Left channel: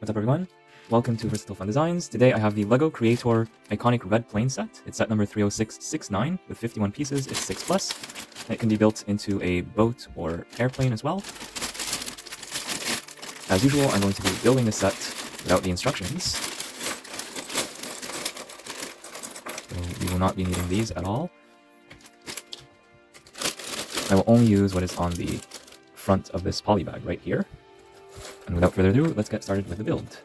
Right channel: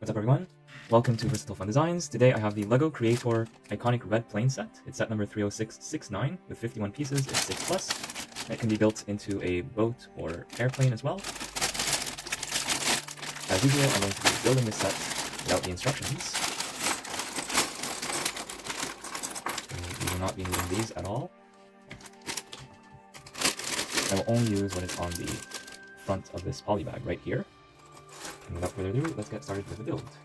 What's up everyone? Welcome to Versatile Fun Designs. Today I have the LEGO Creator Iconic Red Plane set. It's set number 30669 with 51 pieces. It's 6+. It can be built into a boat or airplane as well. As usual, I'm going to be building this set without the instructions. So you will not be needing these at all. I will only use what is on the front of this poly bag right here. And without further ado, let's get started with the build.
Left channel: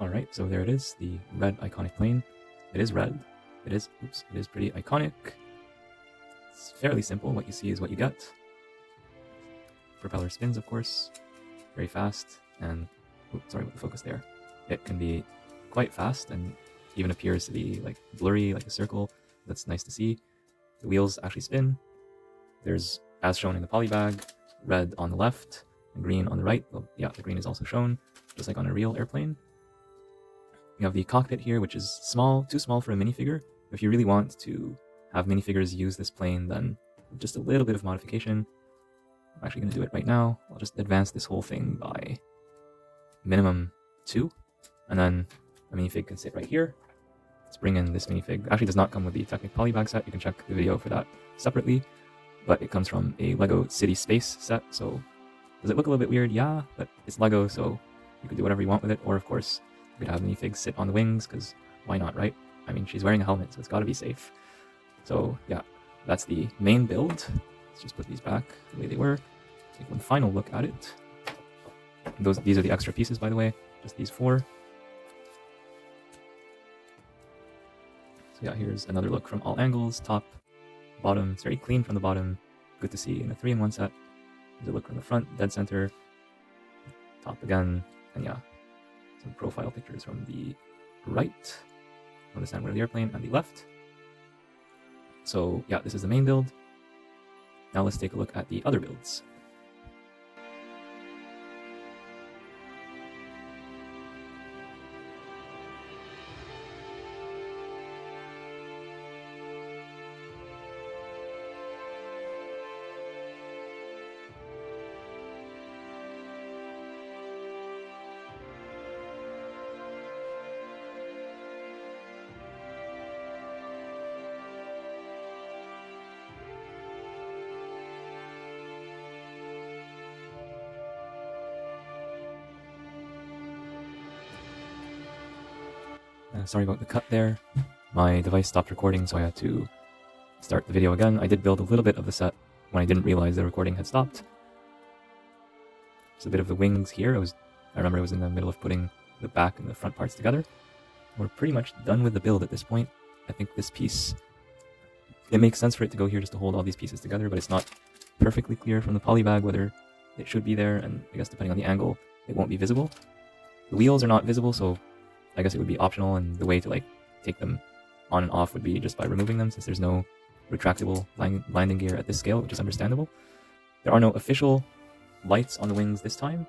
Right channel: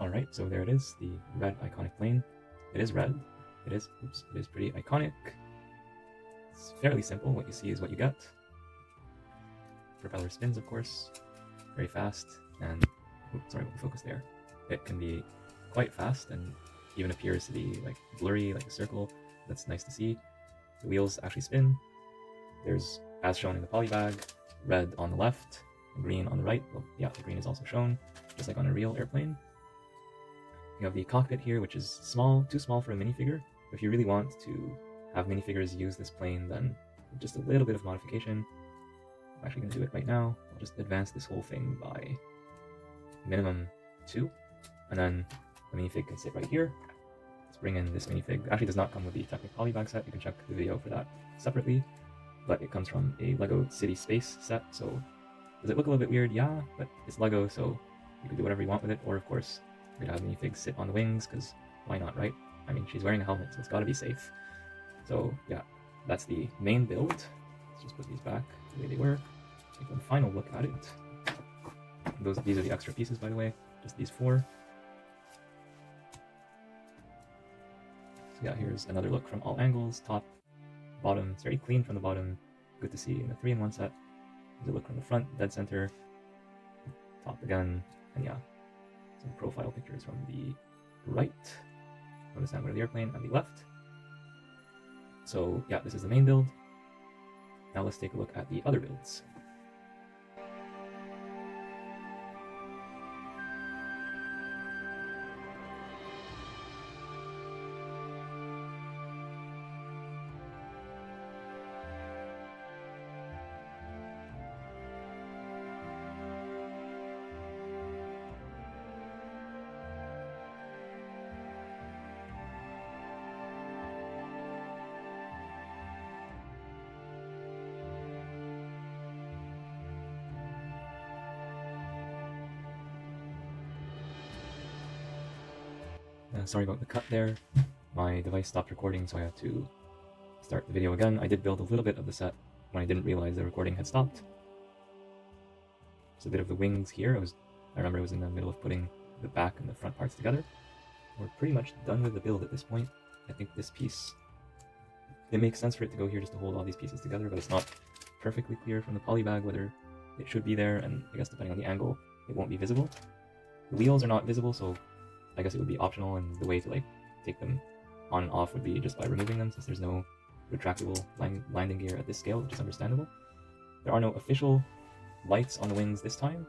Alright, so there it is, the red iconic plane. It is red. It is pretty iconic. It's fairly simple. What you see is what you get. Propeller spins, of course, very fast, and sorry about the focus there. It can be quite fast and even appears to be like blurry, like a circle. That's nice to see. The wheels actually spin. There's, as shown in the poly bag, red on the left, and green on the right. Well, yeah, the green is also shown, just like on a real airplane. You have the cockpit here, which is small, too small for a minifigure. If you really want to have minifigures use this plane, then just a little bit of modification. I'm actually going to do it right now. I'll just advance this whole thing by minimum 2, and then the minifig can sit right here. Let's bring in this minifig. Actually, does not come with the Technic Polybag set. You can check the video for that separately, but it comes from a LEGO City Space set. So does it look a little bit weird? Yeah, but it's LEGO, so you can do whatever you want with it. Or of course, you could have minifigs sit on the wings, because why not, right? I mean, she's wearing a helmet, so it's got to be safe. So yeah, that's the main build. Let's just put these back the way they were. Take one final look at it. These are the extra pieces, by the way, just these 4. So yeah, here's another look from all angles, top, bottom. It's very clean from the bottom. Good to see in a 3-in-1 set. Here's a look from the front, dead center, top again, and yeah, some profile pictures from the right, from the center of the airplane, and the left. So yeah, this is the main build. Now let's take a look at the other builds. Sorry about the cut there. My device stopped recording, so I had to start the video again. I did build a little bit of the set when I didn't realize the recording had stopped. There's a bit of the wings here. I remember I was in the middle of putting the back and the front parts together. We're pretty much done with the build at this point. I think this piece, it makes sense for it to go here just to hold all these pieces together, but it's not perfectly clear from the poly bag whether it should be there, and I guess depending on the angle, it won't be visible. The wheels are not visible, so I guess it would be optional, and the way to like take them on and off would be just by removing them, since there's no retractable landing gear at this scale, which is understandable. There are no official lights on the wings this time,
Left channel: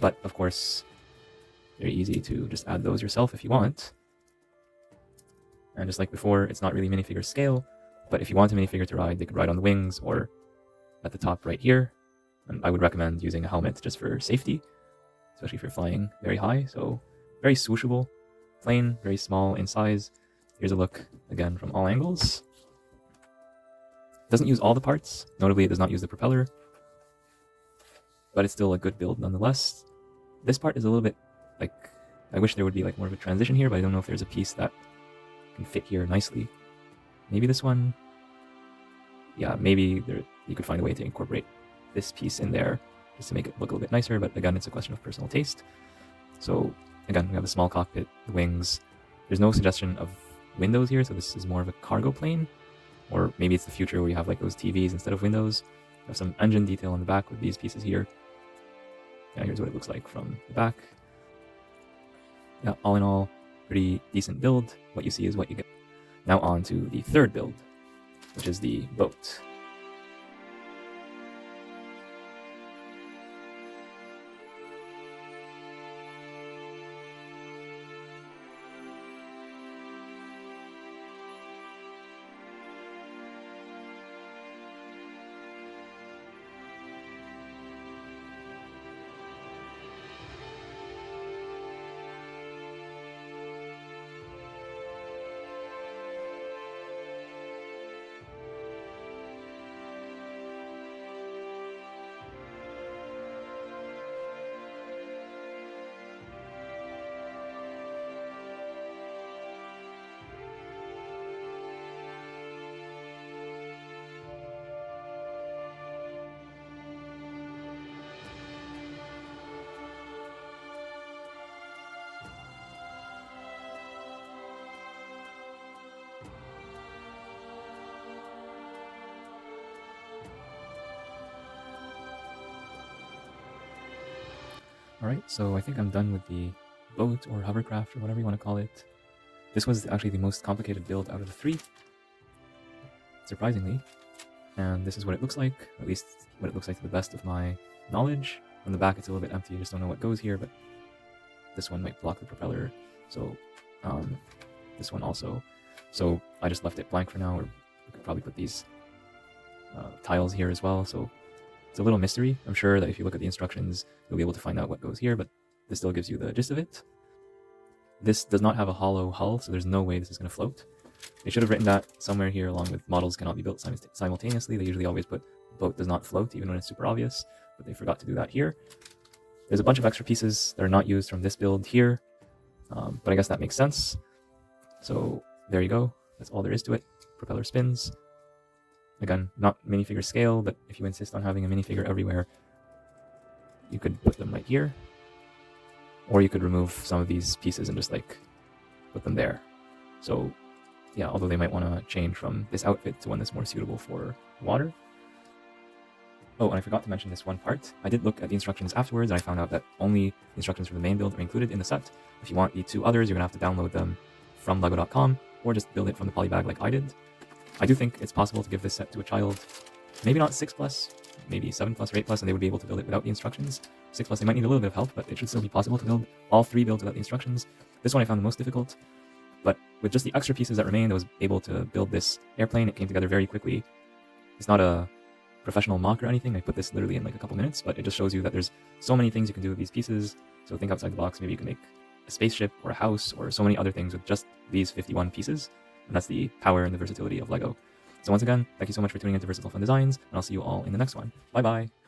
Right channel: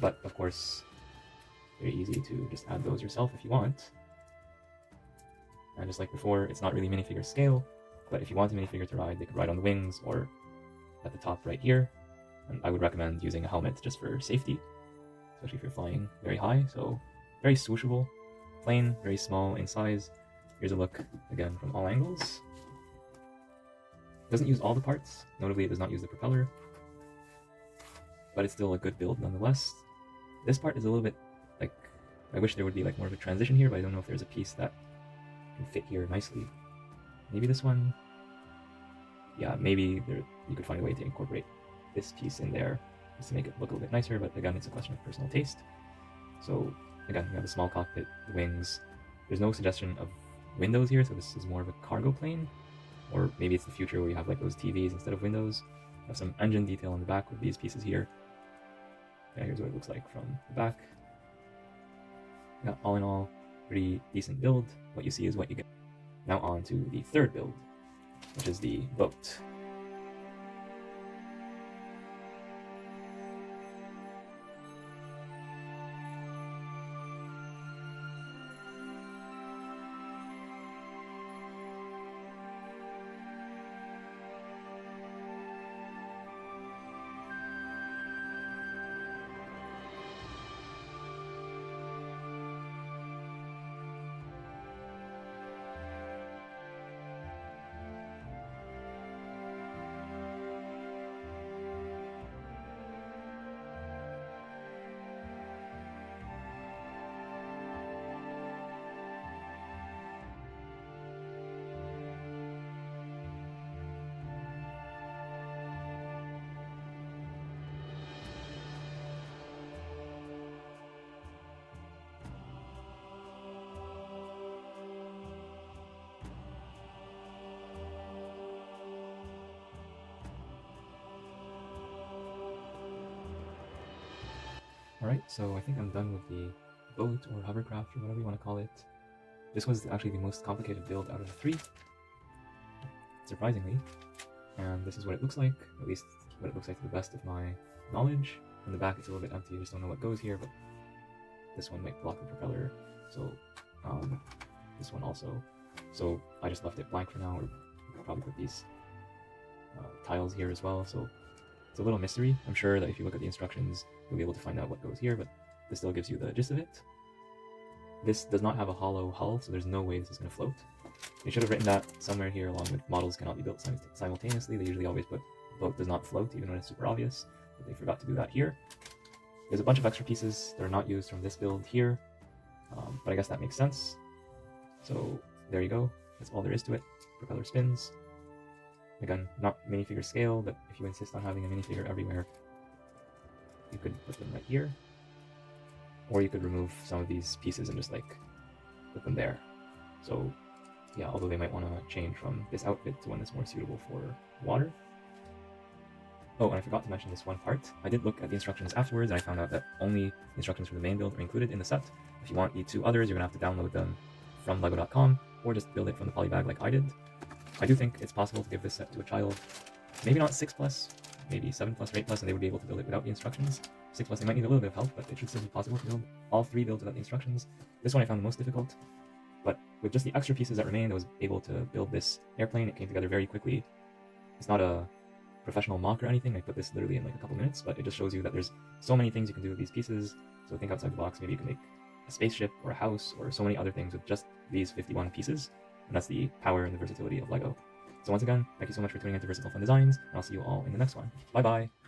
but of course, very easy to just add those yourself if you want. And just like before, it's not really minifigure scale, but if you want a minifigure to ride, they could ride on the wings or at the top right here. And I would recommend using a helmet just for safety, especially if you're flying very high. So very swooshable plane, very small in size. Here's a look again from all angles. Doesn't use all the parts. Notably, it does not use the propeller, but it's still a good build nonetheless. This part is a little bit like, I wish there would be like more of a transition here, but I don't know if there's a piece that can fit here nicely. Maybe this one. Yeah, maybe You could find a way to incorporate this piece in there just to make it look a little bit nicer, but again, it's a question of personal taste. So again, we have the small cockpit, the wings. There's no suggestion of windows here, so this is more of a cargo plane. Or maybe it's the future where you have like those TVs instead of windows. We have some engine detail on the back with these pieces here. Yeah, here's what it looks like from the back. Yeah, all in all, pretty decent build. What you see is what you get. Now on to the third build, which is the boat. Alright, so I think I'm done with the boat or hovercraft or whatever you want to call it. This was actually the most complicated build out of the three, surprisingly. And this is what it looks like, at least what it looks like to the best of my knowledge. On the back it's a little bit empty, you just don't know what goes here, but this one might block the propeller, so this one also. So I just left it blank for now, or we could probably put these tiles here as well, so it's a little mystery. I'm sure that if you look at the instructions, you'll be able to find out what goes here, but this still gives you the gist of it. This does not have a hollow hull, so there's no way this is going to float. They should have written that somewhere here along with models cannot be built simultaneously. They usually always put boat does not float, even when it's super obvious, but they forgot to do that here. There's a bunch of extra pieces that are not used from this build here, but I guess that makes sense. So there you go. That's all there is to it. Propeller spins. Again, not minifigure scale, but if you insist on having a minifigure everywhere, you could put them right here. Or you could remove some of these pieces and just like put them there. So yeah, although they might want to change from this outfit to one that's more suitable for water. Oh, and I forgot to mention this one part. I did look at the instructions afterwards and I found out that only instructions from the main build are included in the set. If you want the two others, you're going to have to download them from lego.com or just build it from the polybag like I did. I do think it's possible to give this set to a child, maybe not 6+, maybe 7+, or 8+, and they would be able to build it without the instructions. 6+, they might need a little bit of help, but it should still be possible to build all three builds without the instructions. This one I found the most difficult, but with just the extra pieces that remained, I was able to build this airplane. It came together very quickly. It's not a professional mock or anything. I put this literally in like a couple minutes, but it just shows you that there's so many things you can do with these pieces. So think outside the box. Maybe you can make a spaceship or a house or so many other things with just these 51 pieces. And that's the power and the versatility of LEGO. So once again, thank you so much for tuning into Versatile Fun Designs, and I'll see you all in the next one. Bye bye!